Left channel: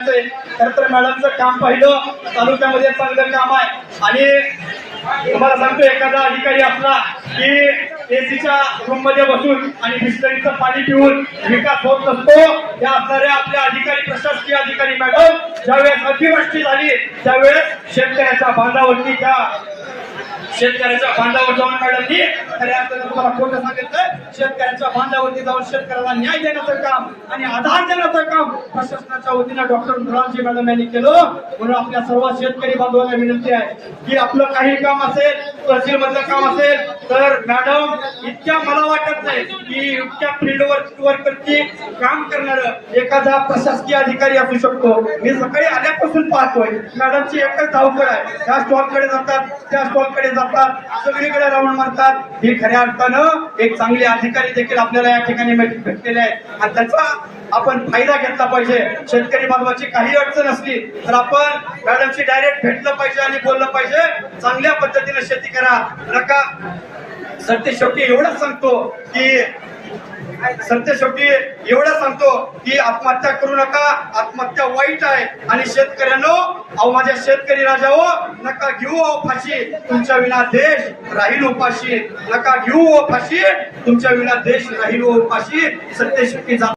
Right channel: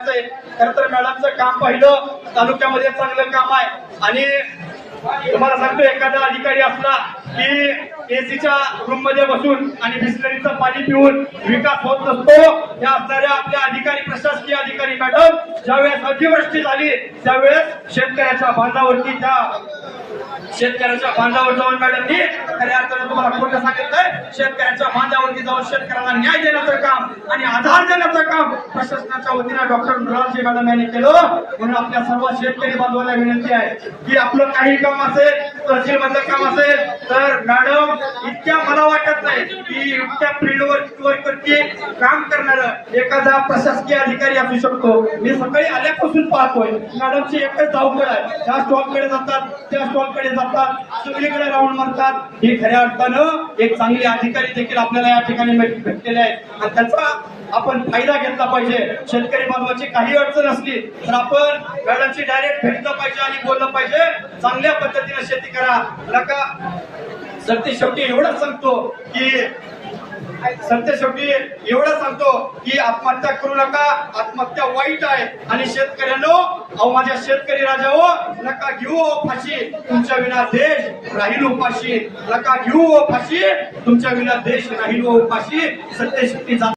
खरं तर मॅडमचं काम पाहिलं तालुक्यामध्ये चांगलं काम आहे आणि तुम्हाला सांगतो एखादा अधिकारी असला की एसीच्या रूम मध्ये बसून आणि बिस्लरीचं पाणी पिऊन विकास होत नसतो. या असणाऱ्या आपल्या अधिकारी प्रशासकीय अधिकारी मॅडम ज्यावेळेस अतिवृष्टी झाली त्यावेळेस शेतकऱ्याच्या बांधावर जाऊन मॅडमनी खऱ्या अर्थानं तुम्हाला खोटं सांगितलंय. शेतकऱ्याच्या बांधावरती जाऊन शेतकऱ्याला न्याय देण्याचं काम आणि आधार देण्याचं काम प्रशासनाच्या वतीने डॉक्टर मुरारजी मॅडम यांनी केलं. म्हणून आपल्या सर्व शेतकरी बांधवांना विनंती आहे की आपलं काही काम असेल तहसील मधलं काम असेल तर मॅडम इतक्या मला वाटत नाही की इतक्या फील्ड वर्करची काम करणार एखादा प्रशासकीय अधिकारी असू शकतो. मी सकाळी आल्यापासून पाहतोय मॅडमची एकच धावपळ आहे. त्या स्टॉलकडे जातात त्या स्टॉलकडे जातात सगळीकडे राऊंड मारतात. ही खऱ्या अर्थानं एक चांगले अधिकारी देखील आपल्याला या ठिकाणी भेटलेले आहेत आणि त्याचा आपण फायदा घेतला पाहिजे. शेतकरी बांधवाची काही अडचण असली तर आपण मॅडमची डायरेक्ट भेटलं पाहिजे आणि बोललं पाहिजे. चांगल्या पद्धतीने शेती करा. नका सरते शेवटी एवढंच सांगतो की आत्महत्या करू नका. आत्महत्या वाईट आहे आणि शेतकऱ्यांनो अहो माझ्या शेतकरी राजाओ नका घेऊ फाशी. तुमच्या विना देश राहील उपाशी. नका घेऊ फाशी. तुमच्या विना देश राहील उपाशी. सत्य शेवटी